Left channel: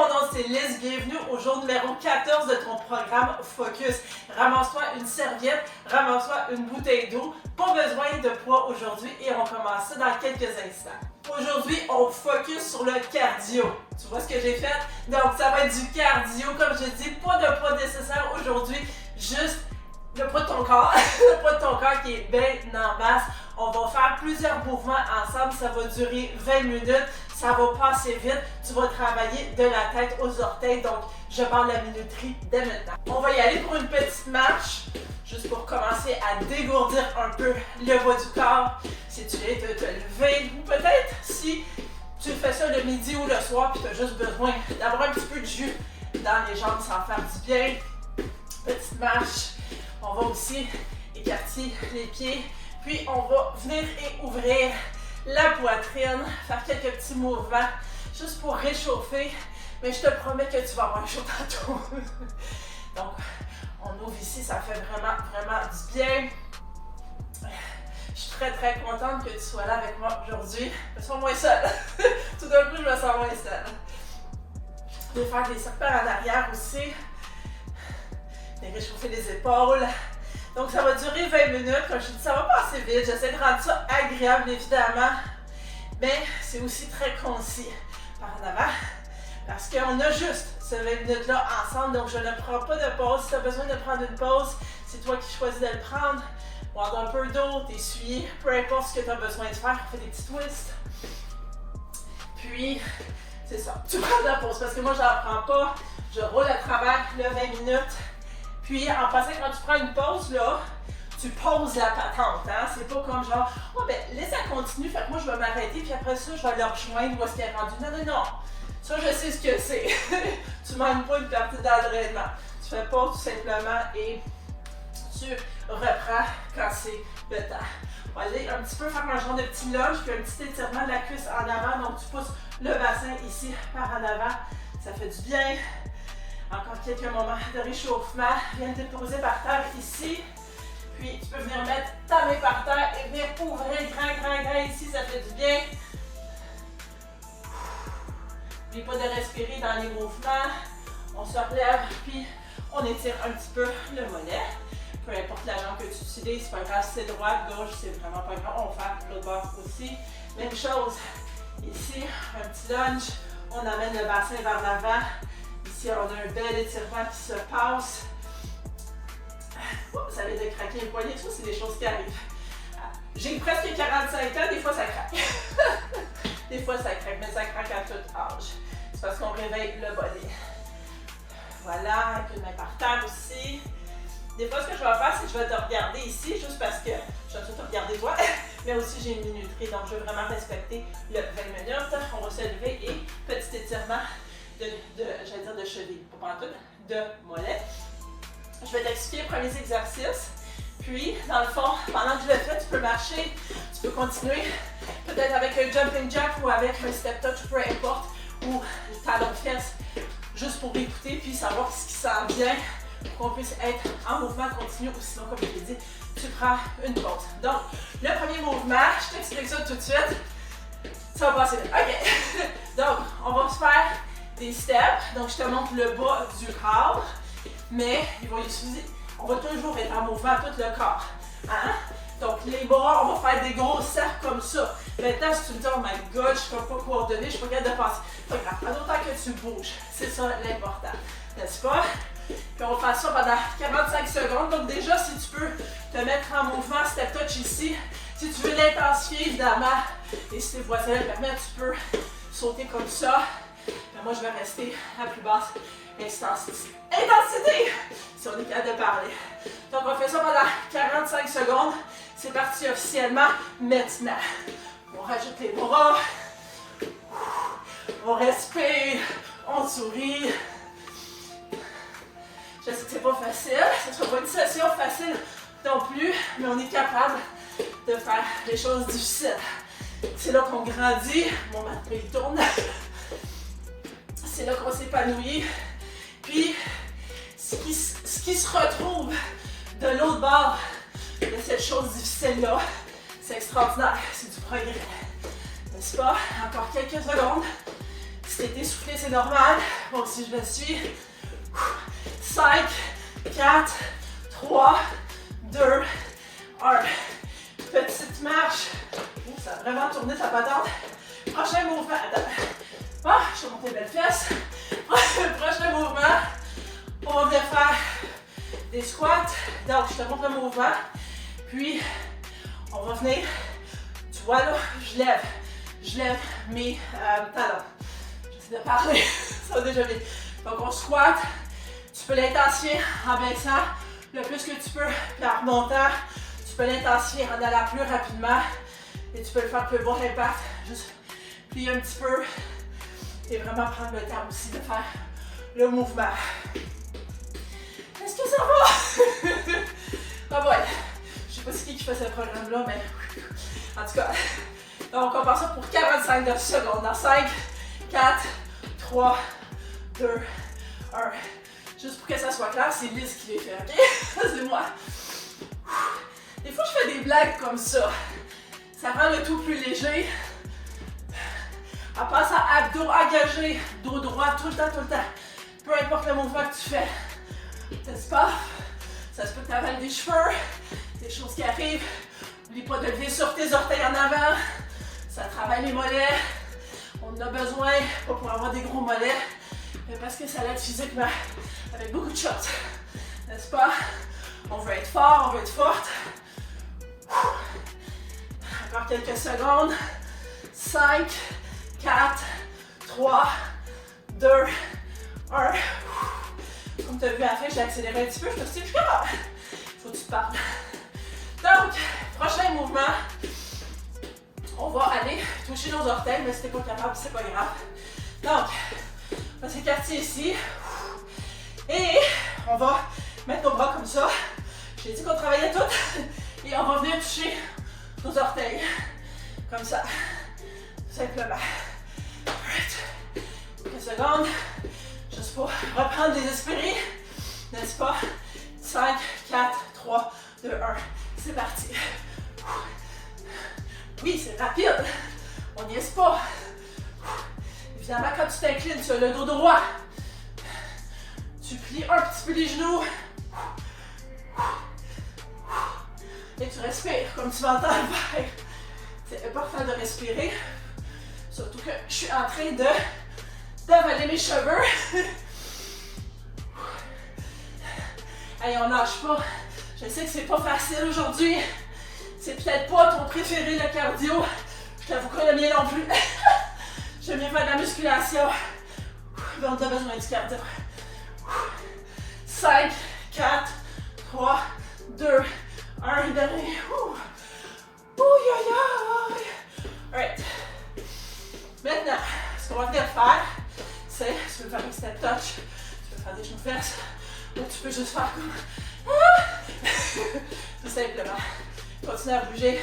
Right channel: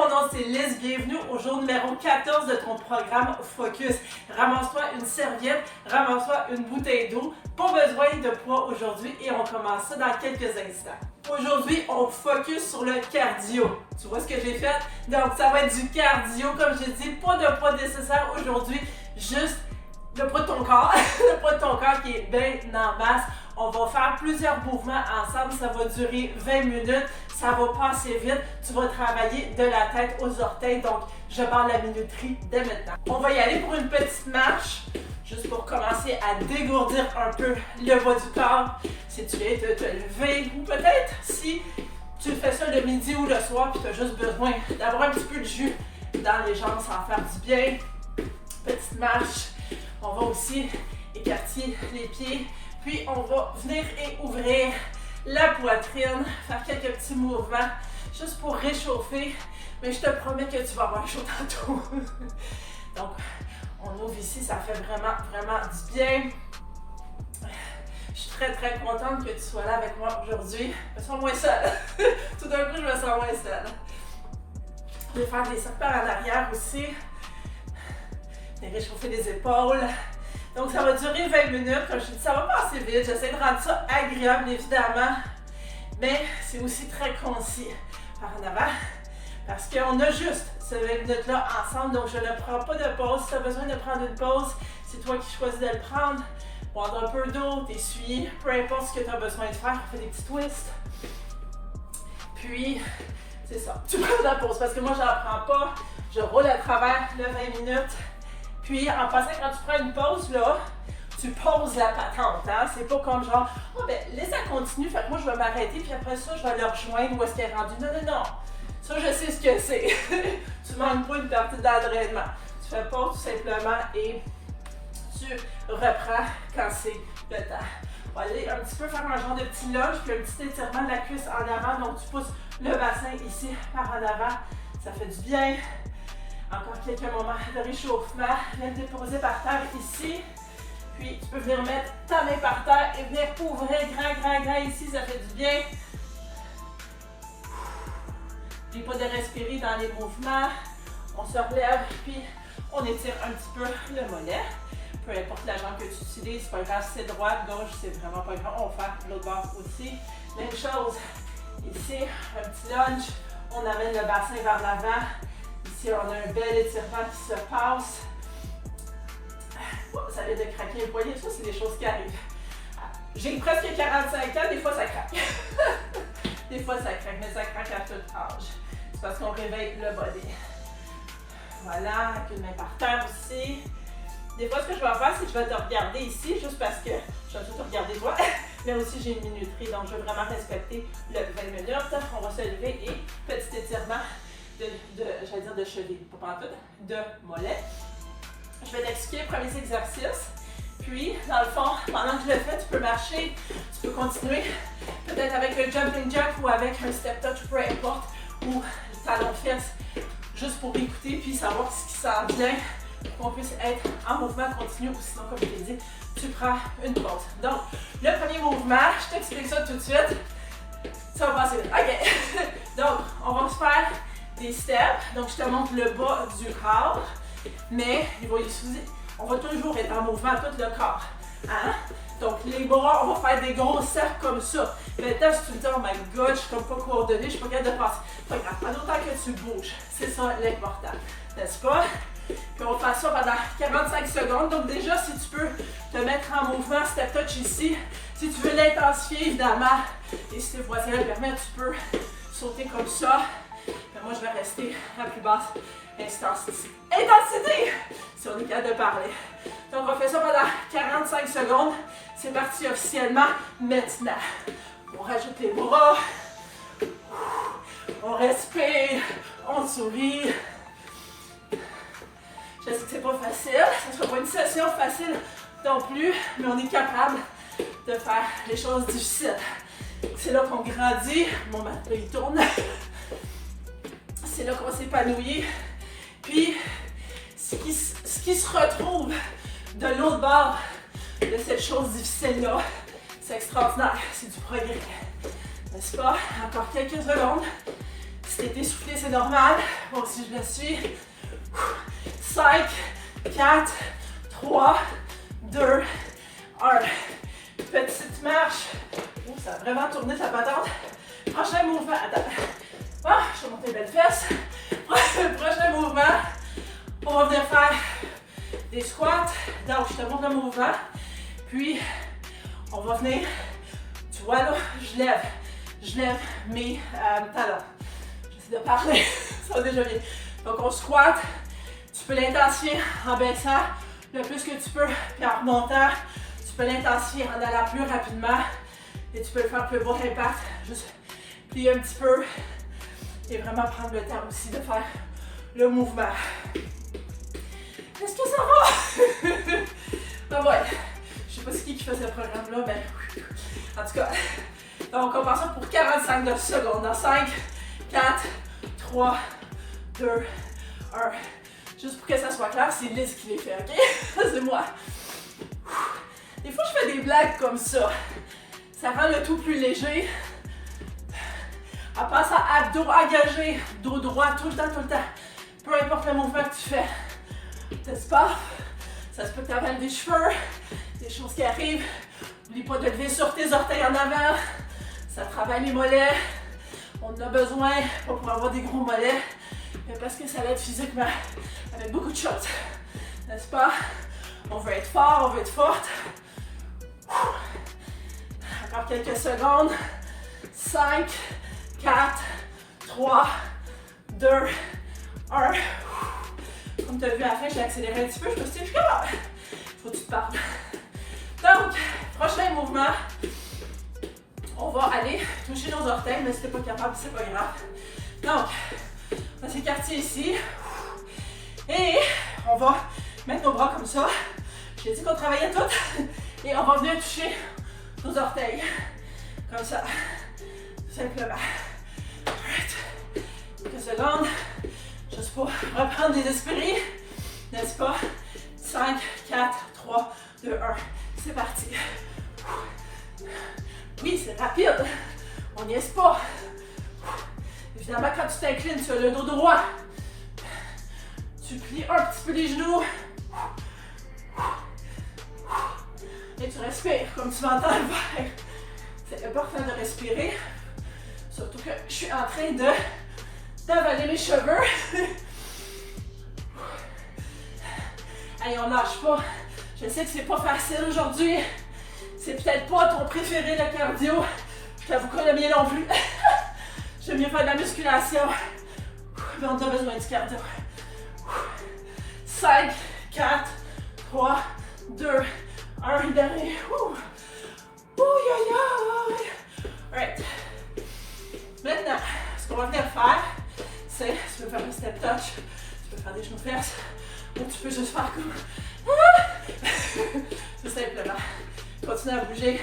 mon nom c'est Liz, bienvenue au jour numéro 14 de ton programme Focus. Ramasse-toi une serviette, ramasse-toi une bouteille d'eau, pas besoin de poids aujourd'hui et on commence ça dans quelques instants. Aujourd'hui, on focus sur le cardio. Tu vois ce que j'ai fait? Donc ça va être du cardio, comme je dis, pas de poids nécessaire aujourd'hui, juste le poids de ton corps, le poids de ton corps qui est bien en masse. On va faire plusieurs mouvements ensemble, ça va durer 20 minutes, ça va passer vite. Tu vas travailler de la tête aux orteils, donc je parle de la minuterie dès maintenant. On va y aller pour une petite marche, juste pour commencer à dégourdir un peu le bas du corps. Si tu viens de te lever, ou peut-être si tu fais ça le midi ou le soir, puis tu as juste besoin d'avoir un petit peu de jus dans les jambes sans faire du bien. Petite marche. On va aussi écarter les pieds. Puis on va venir et ouvrir la poitrine, faire quelques petits mouvements juste pour réchauffer. Mais je te promets que tu vas avoir chaud tantôt. Donc, on ouvre ici, ça fait vraiment du bien. Je suis très contente que tu sois là avec moi aujourd'hui. Je me sens moins seule. Tout d'un coup, je me sens moins seule. Je vais faire des cercles en arrière aussi. Et réchauffer les épaules. Donc, ça va durer 20 minutes. Comme je te dis, ça va passer vite. J'essaie de rendre ça agréable, évidemment. Mais c'est aussi très concis par en avant. Parce qu'on a juste ces 20 minutes-là ensemble. Donc, je ne prends pas de pause. Si tu as besoin de prendre une pause, c'est toi qui choisis de le prendre. Boire un peu d'eau, t'essuyer. Peu importe ce que tu as besoin de faire. Fais des petits twists. Puis, c'est ça. Tu prends de la pause. Parce que moi, je n'en prends pas. Je roule à travers le 20 minutes. Puis, en passant, quand tu prends une pause, là, tu poses la patente, hein? C'est pas comme genre, oh ben, laisse elle continuer, fait que moi, je vais m'arrêter, puis après ça, je vais le rejoindre où est-ce qu'elle est rendue. Non. Ça, je sais ce que c'est. Tu ne manques pas une partie d'entraînement. Tu fais pause tout simplement et tu reprends quand c'est le temps. On va aller un petit peu faire un genre de petit lunge, puis un petit étirement de la cuisse en avant. Donc, tu pousses le bassin ici par en avant. Ça fait du bien. Encore quelques moments de réchauffement. Viens te déposer par terre ici. Puis tu peux venir mettre ta main par terre et venir ouvrir grand ici. Ça fait du bien. N'oublie pas de respirer dans les mouvements. On se relève puis on étire un petit peu le mollet. Peu importe la jambe que tu utilises, c'est pas grave si c'est droite, gauche, c'est vraiment pas grave. On va faire l'autre bord aussi. Même chose. Ici, un petit lunge. On amène le bassin vers l'avant. Ici, on a un bel étirement qui se passe. Ça vient de craquer les poignets, ça, c'est des choses qui arrivent. J'ai presque 45 ans, des fois ça craque. Des fois ça craque, mais ça craque à tout âge. C'est parce qu'on réveille le body. Voilà, avec une main par terre aussi. Des fois, ce que je vais faire, c'est que je vais te regarder ici, juste parce que je vais tout te regarder toi, mais aussi j'ai une minuterie, donc je veux vraiment respecter le 20 minutes. On va se lever et petit étirement j'allais dire de cheville, pas tout, de mollet. Je vais t'expliquer les premiers exercices. Puis, dans le fond, pendant que je le fais, tu peux marcher, tu peux continuer, peut-être avec un jumping jack ou avec un step touch, peu importe, ou talon fesse, juste pour écouter puis savoir ce qui s'en vient, pour qu'on puisse être en mouvement continu, ou sinon, comme je t'ai dit, tu prends une pause. Donc, le premier mouvement, je t'explique ça tout de suite. Ça va passer vite. OK. Donc, on va se faire des steps, donc je te montre le bas du corps, mais on va toujours être en mouvement tout le corps. Hein? Donc les bras, on va faire des gros cercles comme ça. Maintenant, si tu me dis, oh my god, je ne peux pas coordonner, je ne suis pas capable de passer. Pas grave, pas d'autant que tu bouges. C'est ça l'important, n'est-ce pas? Puis on va faire ça pendant 45 secondes. Donc déjà, si tu peux te mettre en mouvement, step touch ici. Si tu veux l'intensifier, évidemment, et si tes voisins le permettent, tu peux sauter comme ça. Mais moi, je vais rester à plus basse intensité. Si on est capable de parler. Donc, on fait ça pendant 45 secondes. C'est parti officiellement maintenant. On rajoute les bras. On respire. On sourit. Je sais que c'est pas facile. Ce ne sera pas une session facile non plus, mais on est capable de faire les choses difficiles. C'est là qu'on grandit. Mon matin, il tourne. C'est là qu'on s'épanouit. Puis, ce qui se retrouve de l'autre bord de cette chose difficile-là, c'est extraordinaire. C'est du progrès. N'est-ce pas? Encore quelques secondes. Si t'es essoufflé, c'est normal. Moi aussi, je le suis. 5, 4, 3, 2, 1. Petite marche. Ça a vraiment tourné sa patente. Prochain mouvement. Attends. Ah, je vais monter les belles fesses. Prochain mouvement. On va venir faire des squats. Donc, je te montre le mouvement. Puis, on va venir. Tu vois là, je lève mes talons. J'essaie de parler. Ça va déjà bien. Donc, on squatte. Tu peux l'intensifier en baissant le plus que tu peux, puis en remontant. Tu peux l'intensifier en allant plus rapidement. Et tu peux le faire plus bas impact. Juste plier un petit peu. Et vraiment prendre le temps aussi de faire le mouvement. Est-ce que ça va? Ah ouais. Je sais pas c'est qui fait ce programme-là, mais en tout cas. Donc, on passe ça pour 45 secondes. Dans 5, 4, 3, 2, 1. Juste pour que ça soit clair, c'est Liz qui les fait, ok? C'est moi. Des fois, je fais des blagues comme ça. Ça rend le tout plus léger. En passant à abdos engagés, dos droit tout le temps. Peu importe le mouvement que tu fais. N'est-ce pas? Ça se peut que tu avales des cheveux, des choses qui arrivent. N'oublie pas de lever sur tes orteils en avant. Ça travaille les mollets. On en a besoin, pas pour avoir des gros mollets, mais parce que ça l'aide physiquement avec beaucoup de choses. N'est-ce pas? On veut être fort, on veut être forte. Encore quelques secondes. 5, 4, 3, 2, 1. Comme tu as vu à la fin, j'ai accéléré un petit peu. Je me suis dit, je commence. Faut que tu te parles. Donc, prochain mouvement. On va aller toucher nos orteils, mais si t'es pas capable, c'est pas grave. Donc, on va s'écarter ici. Et on va mettre nos bras comme ça. J'ai dit qu'on travaillait tout. Et on va venir toucher nos orteils. Comme ça. Tout simplement. Alright. Quelques secondes. Juste pour reprendre des esprits. N'est-ce pas? 5, 4, 3, 2, 1. C'est parti. Oui, c'est rapide. On n'y est pas. Évidemment, quand tu t'inclines sur le dos droit, tu plies un petit peu les genoux. Et tu respires comme tu m'entends le faire. C'est important de respirer. Surtout que je suis en train d'avaler mes cheveux. Allez, on lâche pas. Je sais que c'est pas facile aujourd'hui. C'est peut-être pas ton préféré, le cardio. Je t'avoue que le mien non plus. J'aime mieux faire de la musculation. Mais on a besoin du cardio. 5, 4, 3, 2, 1. Dernier. Alright. Maintenant, ce qu'on va venir faire, c'est, tu peux faire un step touch, tu peux faire des genoux fesses, ou tu peux juste faire comme... Tout simplement. Continue à bouger,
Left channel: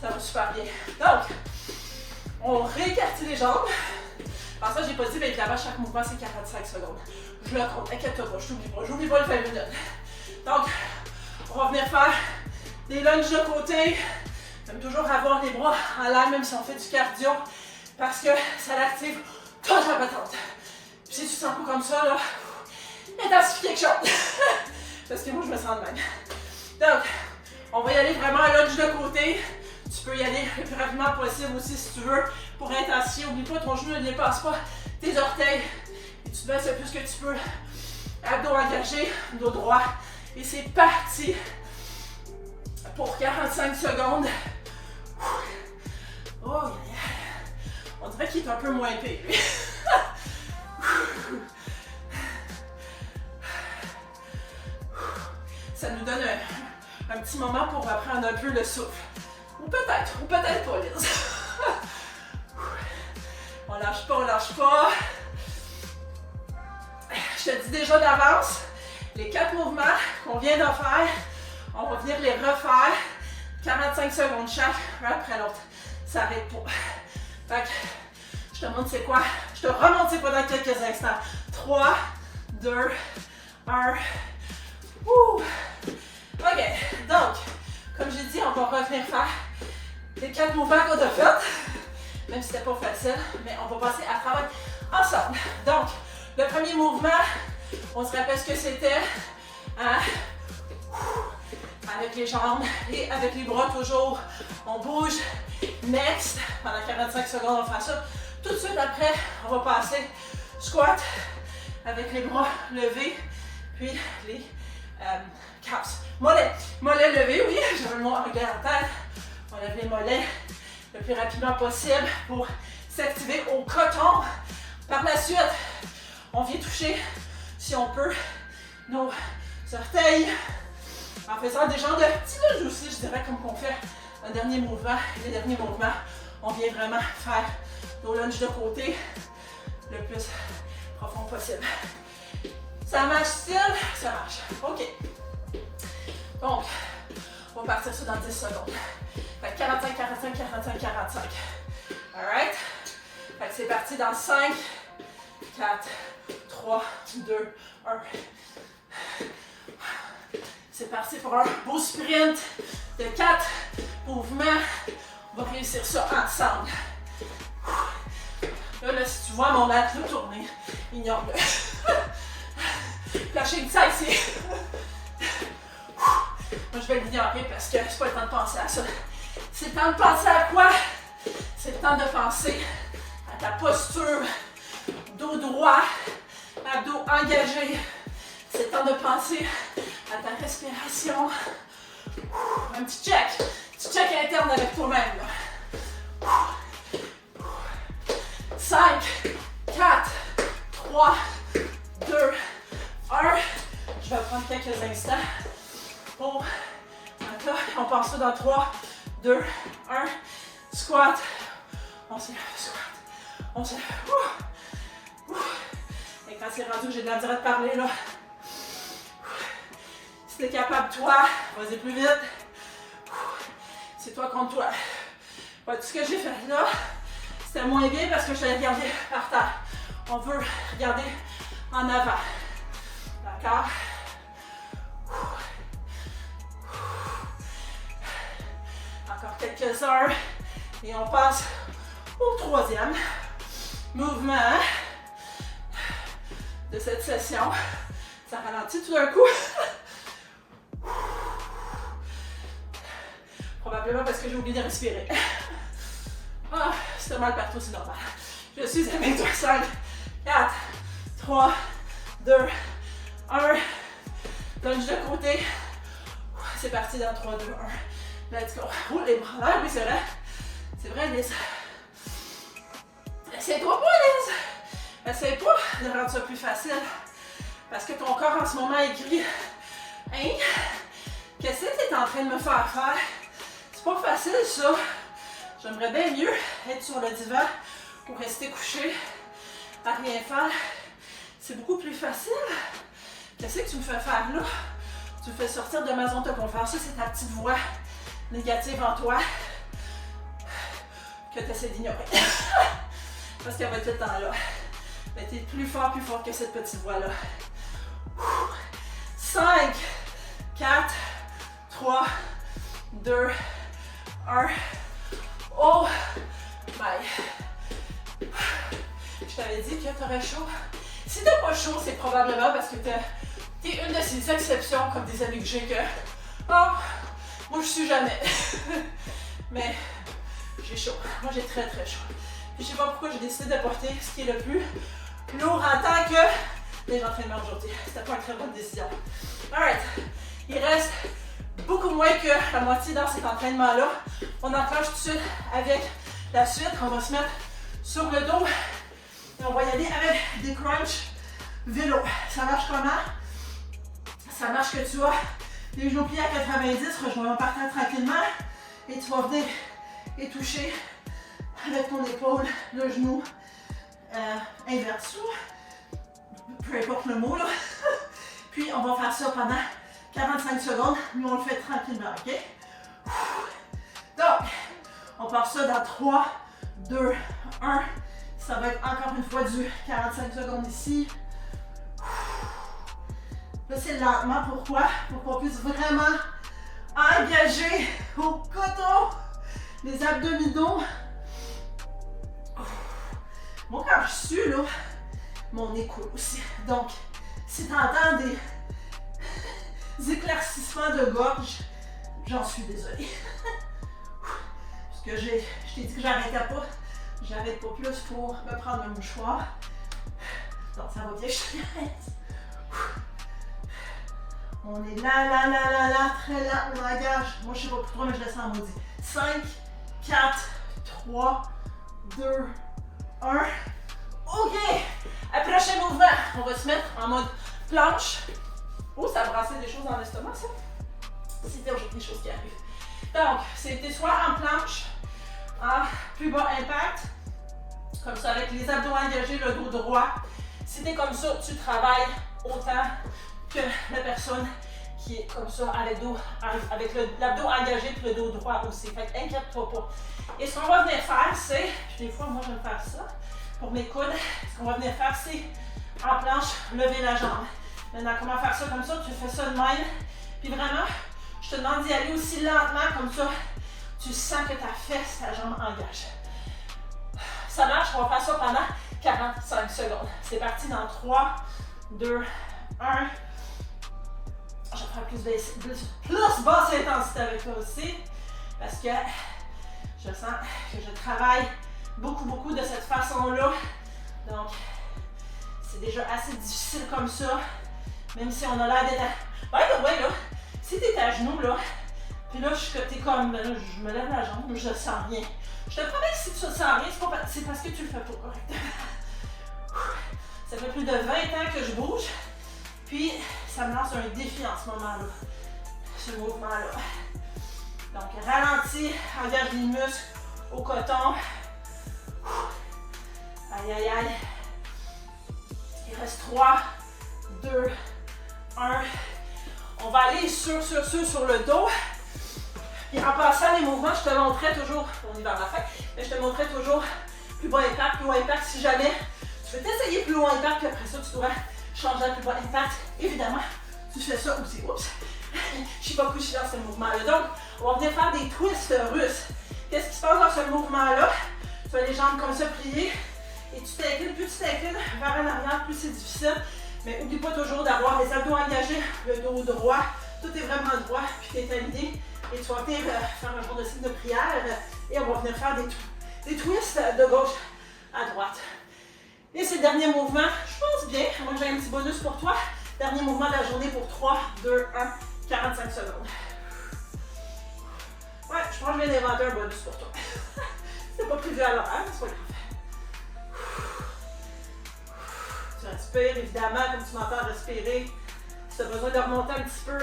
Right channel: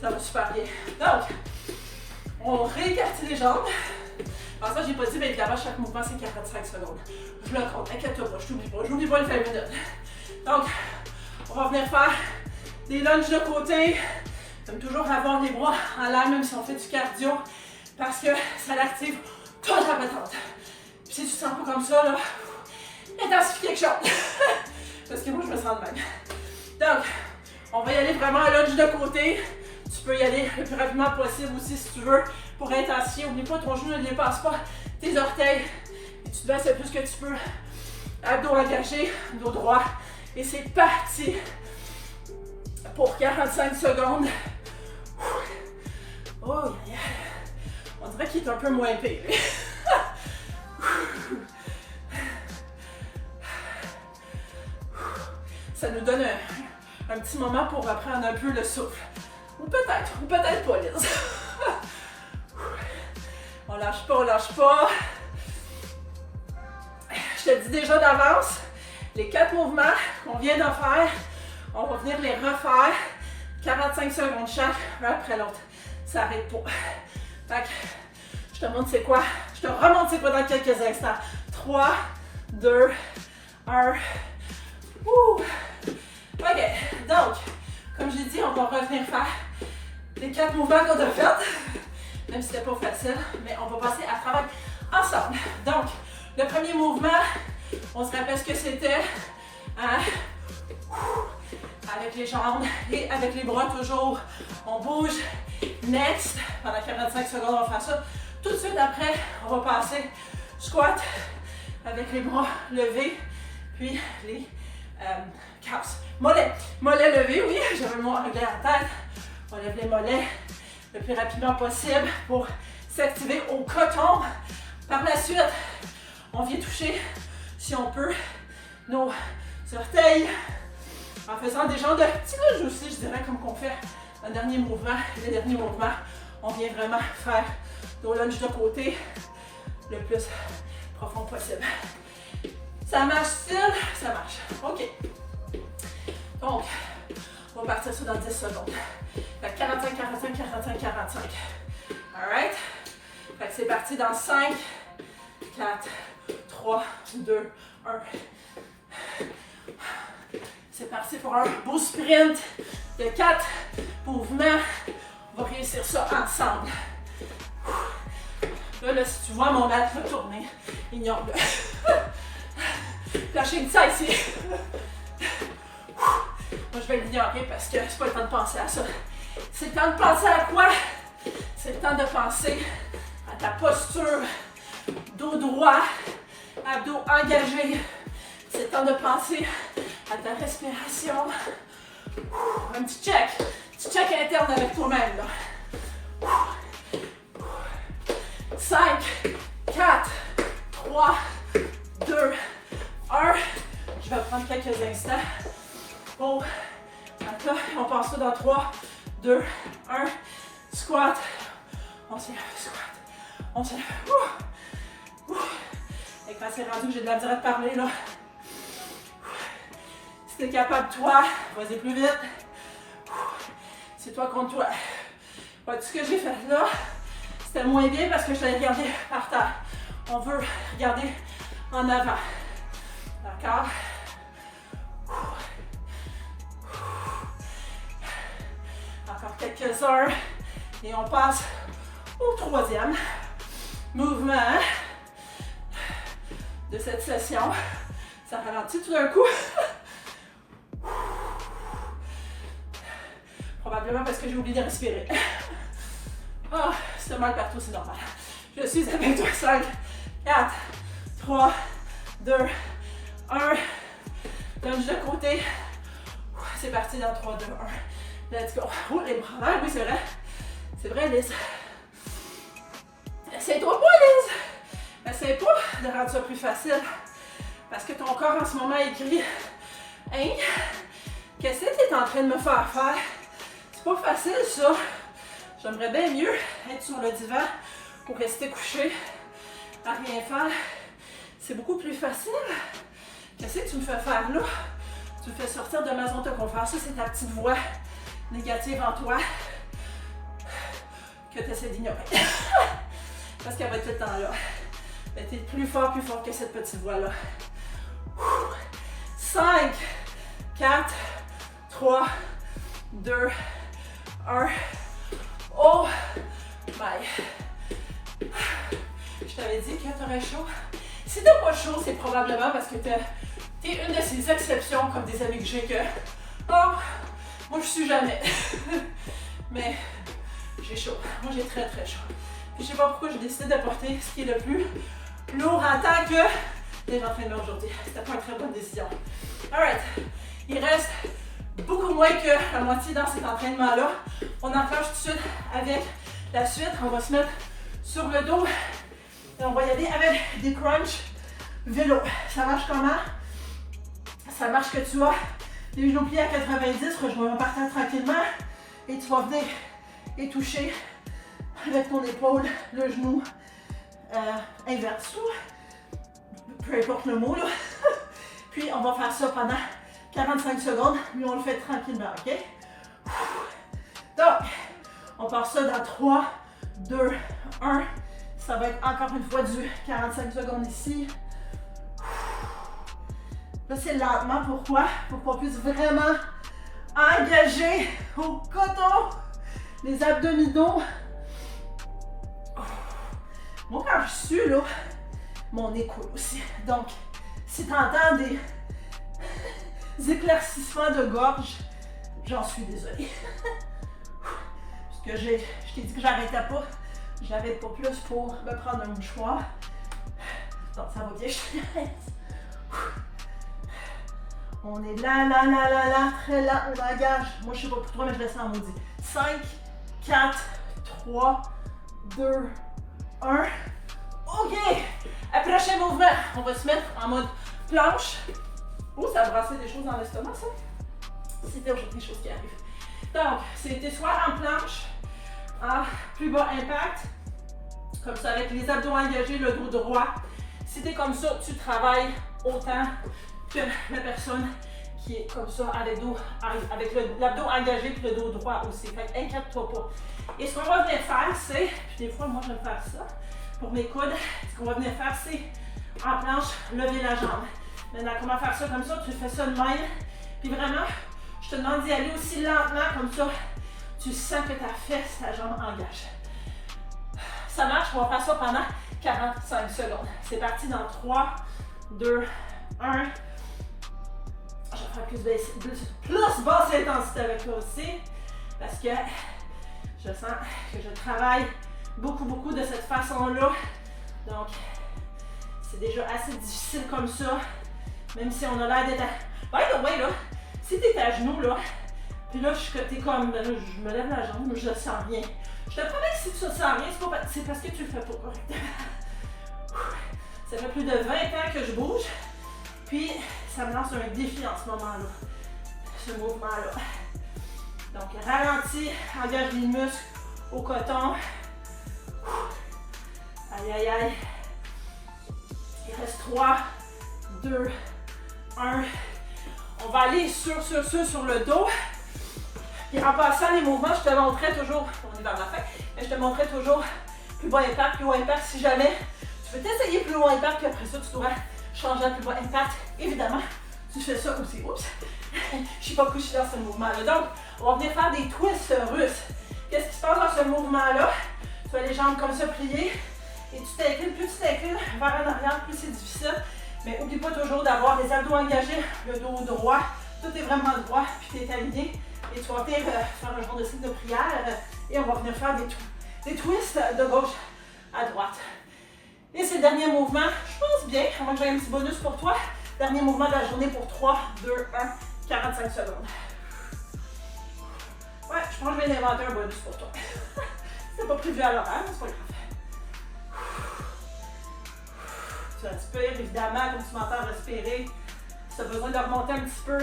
ça va super bien. Donc, on réécartit les jambes. Alors ça, j'ai pas dit, mais évidemment, chaque mouvement, c'est 45 secondes. Je le compte, inquiète-toi pas, je n'oublie pas les 20 minutes. Donc, on va venir faire des lunges de côté. J'aime toujours avoir les bras en l'air, même si on fait du cardio, parce que ça l'active toute la patente. Puis si tu te sens pas comme ça, là, intensifie quelque chose. Parce que moi, je me sens de même. Donc, on va y aller vraiment un lunge de côté. Tu peux y aller le plus rapidement possible aussi si tu veux pour intensifier. N'oublie pas, ton genou ne dépasse pas tes orteils. Et tu te baisses le plus que tu peux. Abdos engagés, dos droit. Et c'est parti pour 45 secondes. Oh, yeah. On dirait qu'il est un peu moins épais. Ça nous donne un petit moment pour reprendre un peu le souffle. Ou peut-être pas, Liz. On lâche pas. Je te dis déjà d'avance, les 4 mouvements qu'on vient de faire, on va venir les refaire 45 secondes chaque, un après l'autre. Ça n'arrête pas. Fait que, je te montre c'est quoi. Je te remonte c'est quoi dans quelques instants. 3, 2, 1. Ouh. Ok, donc, comme j'ai dit, on va revenir faire les 4 mouvements qu'on a fait. Même si c'était pas facile, mais on va passer à travailler ensemble. Donc, Le premier mouvement, on se rappelle ce que c'était. Hein? Avec les jambes et avec les bras toujours. On bouge. Next. Pendant 45 secondes, on va faire ça. Tout de suite après, on va passer squat avec les bras levés. Puis les calves. Mollets. Mollets levés, oui. J'avais le mot anglais en tête. On lève les mollets le plus rapidement possible pour s'activer au coton. Par la suite, on vient toucher, si on peut, nos orteils en faisant des genres de petits lunges aussi, je dirais, comme qu'on fait un dernier mouvement. Le dernier mouvement, on vient vraiment faire nos lunges de côté le plus profond possible. Ça marche-t-il? Ça marche. OK. Donc, on va partir ça dans 10 secondes. Fait que 45, 45, 45, 45. Alright? Fait que c'est parti dans 5, 4, 3, 2, 1. C'est parti pour un beau sprint de 4 mouvements. On va réussir ça ensemble. Là, si tu vois mon mat tourner, ignore-le. Lâchez une ça ici. Moi, je vais l'ignorer parce que c'est pas le temps de penser à ça. C'est le temps de penser à quoi? C'est le temps de penser à ta posture, dos droit, abdos engagés. C'est le temps de penser à ta respiration. Un petit check interne avec toi-même. 5, 4, 3, 2, 1. Je vais prendre quelques instants pour là, on passe ça dans 3, 2, 1. Squat. On se lève, squat. On se lève. Et quand c'est rendu, j'ai de la misère à te parler là. Si t'es capable, toi, vas-y plus vite. C'est toi contre toi. Ouais, tout ce que j'ai fait là, c'était moins bien parce que je l'ai regardé par terre. On veut regarder en avant. D'accord? Encore quelques-uns. Et on passe au troisième mouvement de cette session. Ça ralentit tout d'un coup. Probablement parce que j'ai oublié de respirer. Ah, c'est mal partout, c'est normal. Je suis avec toi. 5, 4, 3, 2, 1. Lunge de côté. C'est parti dans 3, 2, 1. Let's go. Oh, les bras là, oui, c'est vrai. C'est vrai, Liz. Essaye-toi pas, Liz. Essaye pas de rendre ça plus facile. Parce que ton corps en ce moment écrit hein? Qu'est-ce que tu es en train de me faire faire? C'est pas facile, ça. J'aimerais bien mieux être sur le divan ou rester couché à rien faire. C'est beaucoup plus facile. Qu'est-ce que tu me fais faire là? Tu me fais sortir de ma zone de confort. Ça, c'est ta petite voix négative en toi que tu essaies d'ignorer. Parce qu'elle va être tout le temps là. Mais tu es plus fort que cette petite voix-là. 5, 4, 3, 2, 1. Oh my. Je t'avais dit que tu aurais chaud. Si t'as pas chaud, c'est probablement parce que t'es une de ces exceptions comme des amis que j'ai que oh, moi je suis jamais. Mais j'ai chaud. Moi j'ai très très chaud. Puis je sais pas pourquoi j'ai décidé de porter ce qui est le plus lourd en tant que les entraînements aujourd'hui. C'était pas une très bonne décision. Alright. Il reste beaucoup moins que la moitié dans cet entraînement-là. On enclenche tout de suite avec la suite. On va se mettre sur le dos et on va y aller avec des crunchs vélo. Ça marche comment? Ça marche que tu as les genoux pliés à 90, rejoins par terre tranquillement et tu vas venir et toucher avec ton épaule le genou inverse ou peu importe le mot là. Puis on va faire ça pendant 45 secondes, mais on le fait tranquillement, ok? Donc, on part ça dans 3, 2, 1. Ça va être encore une fois du 45 secondes ici. Là, c'est lentement. Pourquoi? Pour qu'on puisse vraiment engager au coton les abdominaux. Moi, quand je sue, là, mon nez coule aussi. Donc, si tu entends des éclaircissements de gorge, j'en suis désolée. Parce que je t'ai dit que j'arrêtais pas. J'arrête pas plus pour me prendre un mouchoir. Donc, ça va bien, je te laisse. On est là, très lent, on engage. Moi, je sais pas pour toi, mais je le sens maudit. 5, 4, 3, 2, 1. OK! Prochain mouvement, on va se mettre en mode planche. Oh, ça a brassé des choses dans l'estomac, ça? C'était aujourd'hui des choses qui arrivent. Donc, c'était soit en planche, en plus bas impact, comme ça, avec les abdos engagés, le dos droit. Si t'es comme ça, tu travailles autant que la personne qui est comme ça, avec l'abdos engagé et le dos droit aussi. Fait qu'inquiète-toi pas. Et ce qu'on va venir faire, c'est, des fois, moi, je vais faire ça pour mes coudes. Ce qu'on va venir faire, c'est en planche, lever la jambe. Maintenant, comment faire ça comme ça? Tu fais ça de même. Puis vraiment, je te demande d'y aller aussi lentement, comme ça, tu sens que ta fesse, ta jambe engage. Ça marche, on va faire ça pendant 45 secondes. C'est parti dans 3, 2, 1. Je vais faire plus basse intensité avec toi aussi, parce que je sens que je travaille beaucoup de cette façon-là. Donc, c'est déjà assez difficile comme ça, même si on a l'air d'être à... By the way, là, si t'es à genoux, là, puis là, t'es comme, je me lève la jambe, je sens rien. Je te promets que si tu sens rien, c'est parce que tu le fais pas correctement. Ça fait plus de 20 ans que je bouge, puis ça me lance un défi en ce moment-là, ce mouvement-là. Donc, ralentis, engage les muscles au coton. Aïe, aïe, aïe. Il reste 3, 2, 1. On va aller sur le dos. Et en passant les mouvements, je te montrais toujours, on est vers la fin, mais je te montrais toujours plus bas impact, si jamais tu veux t'essayer plus loin impact, puis après ça, tu devrais changer à plus bas impact. Évidemment, tu fais ça aussi. Oups! Je suis pas couchée dans ce mouvement-là. Donc, on va venir faire des twists russes. Qu'est-ce qui se passe dans ce mouvement-là? Tu as les jambes comme ça pliées et tu t'inclines. Plus tu t'inclines vers en arrière, plus c'est difficile. Mais n'oublie pas toujours d'avoir les abdos engagés, le dos droit. Tout est vraiment droit, puis tu es aligné. Et tu vas venir faire un genre de signe de prière. Et on va venir faire des twists de gauche à droite. Et c'est le dernier mouvement. Je pense bien. Moi, j'ai un petit bonus pour toi. Dernier mouvement de la journée pour 3, 2, 1, 45 secondes. Ouais, je pense que je viens d'inventer un bonus pour toi. C'était pas prévu à l'horaire, mais c'est pas grave. Tu respires, évidemment, comme tu m'entends respirer. Si tu as besoin de remonter un petit peu,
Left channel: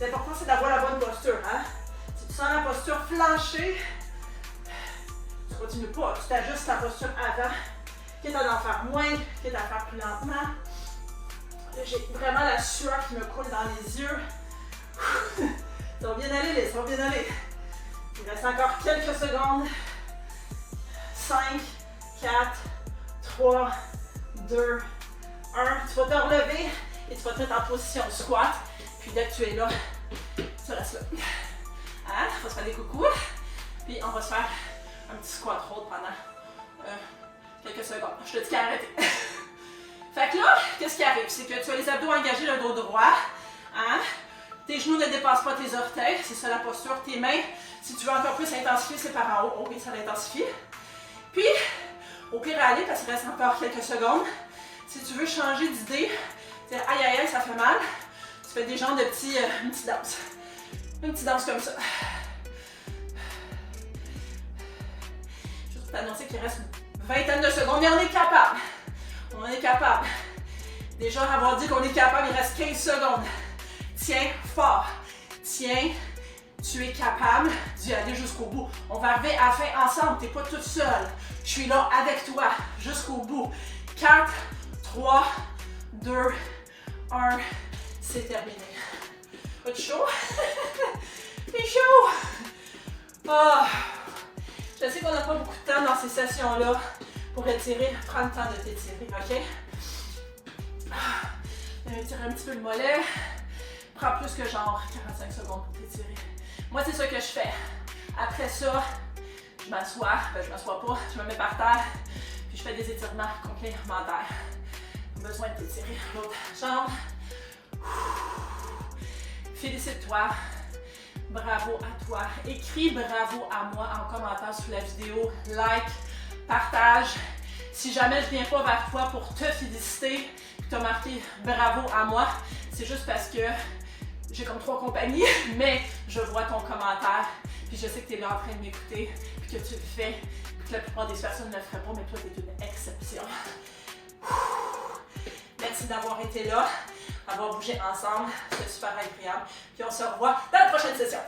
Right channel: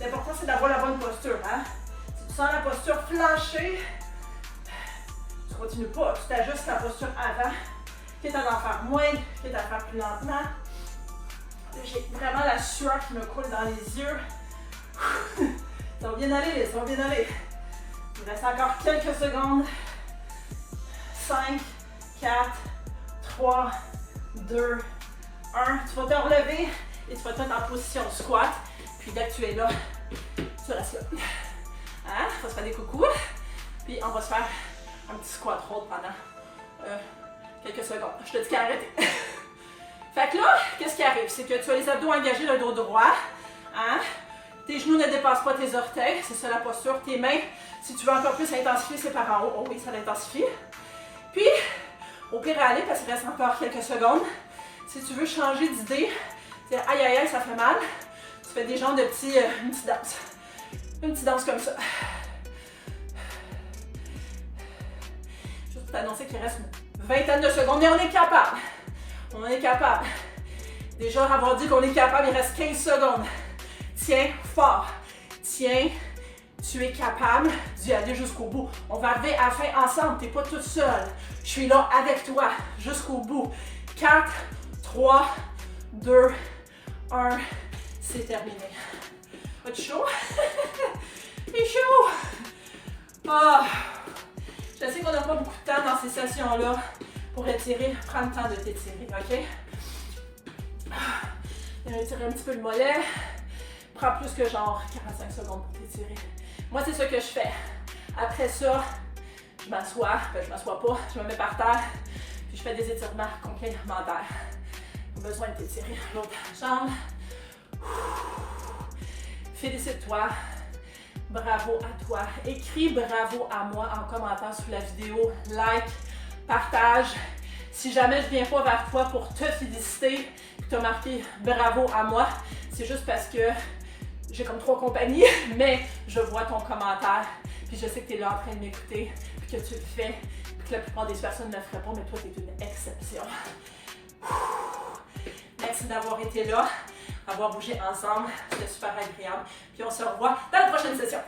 l'important c'est d'avoir la bonne posture. Hein? Si tu sens la posture flanchée, tu ne continues pas, tu t'ajustes la posture avant, quitte à en faire moins, quitte à faire plus lentement. J'ai vraiment la sueur qui me coule dans les yeux. Ça va bien aller, Lise, ça va bien aller. Il reste encore quelques secondes. 5, 4, 3, 2, 1. Tu vas te relever et tu vas te mettre en position squat. Puis dès que tu es là, tu restes là. Hein? On va se faire des coucous. Puis on va se faire un petit squat roll pendant quelques secondes. Je te dis qu'arrêtez. Fait que là, qu'est-ce qui arrive? C'est que tu as les abdos engagés, le dos droit. Hein? Tes genoux ne dépassent pas tes orteils. C'est ça la posture. Tes mains, si tu veux encore plus intensifier, c'est par en haut. Oh oui, ça l'intensifie. Puis, au pire à aller, parce qu'il reste encore quelques secondes, si tu veux changer d'idée, c'est aïe aïe aïe, ça fait mal, tu fais des genres de une petite danse. Une petite danse comme ça. Juste pour t'annoncer qu'il reste une vingtaine de secondes, mais on est capable. On est capable. Déjà, avoir dit qu'on est capable, il reste 15 secondes. Tiens fort. Tiens, tu es capable d'y aller jusqu'au bout. On va arriver à la fin ensemble, tu n'es pas toute seule. Je suis là avec toi jusqu'au bout. 4, 3, 2, 1, c'est terminé. Pas-tu chaud? C'est chaud! Oh. Je sais qu'on n'a pas beaucoup de temps dans ces sessions-là pour étirer. Prends le temps de t'étirer, ok? Étirer un petit peu le mollet. Prends plus que genre 45 secondes pour t'étirer. Moi, c'est ça que je fais. Après ça, je m'assois. Ben, je m'assois pas, je me mets par terre. Puis je fais des étirements complémentaires. Besoin de t'étirer l'autre jambe. Félicite-toi. Bravo à toi. Écris bravo à moi en commentant sous la vidéo. Like, partage. Si jamais je viens pas vers toi pour te féliciter, tu as marqué bravo à moi, c'est juste parce que j'ai comme 3 compagnies, mais je vois ton commentaire, puis je sais que tu es là en train de m'écouter, puis que tu le fais, puis que la plupart des personnes ne le feraient pas, mais toi, tu es une exception. Merci d'avoir été là, d'avoir bougé ensemble, c'était super agréable, puis on se revoit dans la prochaine session.